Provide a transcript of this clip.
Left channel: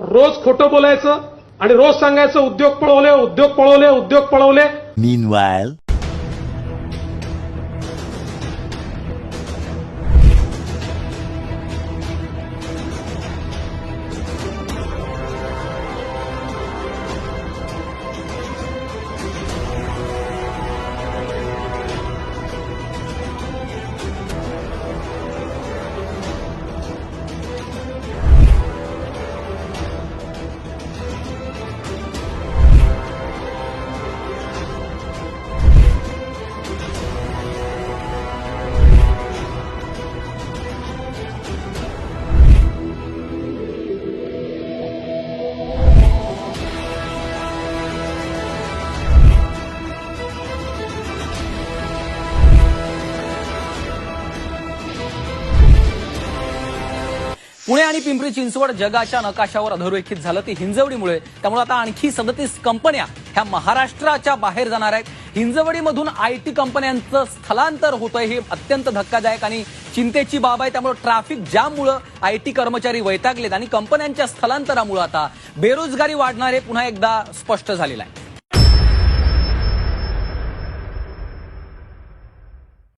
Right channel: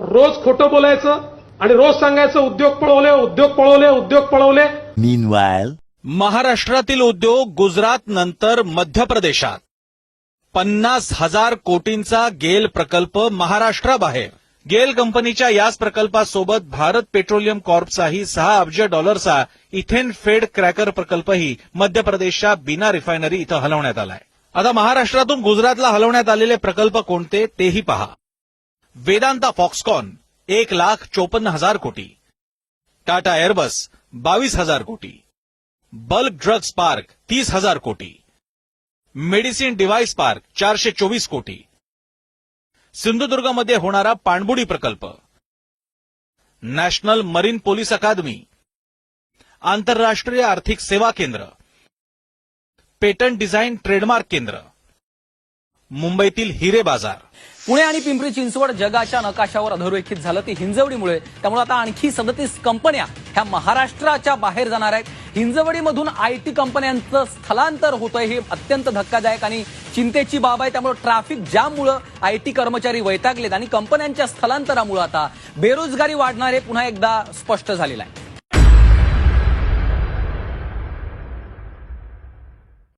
रोज खोटं बोलायचं आणि रोज सांगायचं उद्योग पळवले उद्योग पळवले उद्योग पळवले. Meanwhile, महाराष्ट्रातील उद्योग गुजरात नंतर मध्य प्रदेशात 50,000 कोटींचा गेल प्रकल्प महाराष्ट्राबाहेर. गेल कंपनीच्या याच प्रकल्पासोबत भारत पेट्रोलियम कॉर्पचाही $6 अब्ज इथेन फेड क्रॅकर प्रकल्पही मध्य प्रदेशच्या बिना रिफायनरी इथं हलवण्यात आलाय. आता महाराष्ट्रातून गुजरातला हलवण्यात आलेले प्रकल्प कोणते तेही पहा. वेदांता फॉक्सकॉन 1,54,000 कोटी, टाटा एअरबस 22,000 कोटी, बल्क ड्रग्स पार्क 30,000 कोटी, मेडिसिन डिव्हाइस पार्क 424 कोटी, सिंधुदुर्गमध्ये होणारा पाणबुडी प्रकल्प, नॅशनल मरीन पोलीस अकादमी, आंतरराष्ट्रीय आर्थिक सेवा केंद्र, पेटंट डिझाईन ट्रेडमार्क केंद्र, मुंबईतील हिरे बाजार. पुणे आणि पिंपरी चिंचवड जगाच्या नकाशावर अधोरेखित झालं ती हिंजवडीमुळे. त्यामुळे आता आणखी 37 कंपन्या ह्या महाराष्ट्राच्या बाहेर जाणार आहेत. हिंजवडीमधून आयटी कंपन्यांचं स्थलांतर होतंय, ही अत्यंत धक्कादायक आणि चिंतेची बाब आहे. त्यामुळे ट्रॅफिक जाममुळे आयटी कर्मचारी वैतागलेत आणि कंपन्यांच्या स्थलांतरामुळे आता बेरोजगारी वाढणार हे पुन्हा एकदा स्पष्ट झालेलं आहे.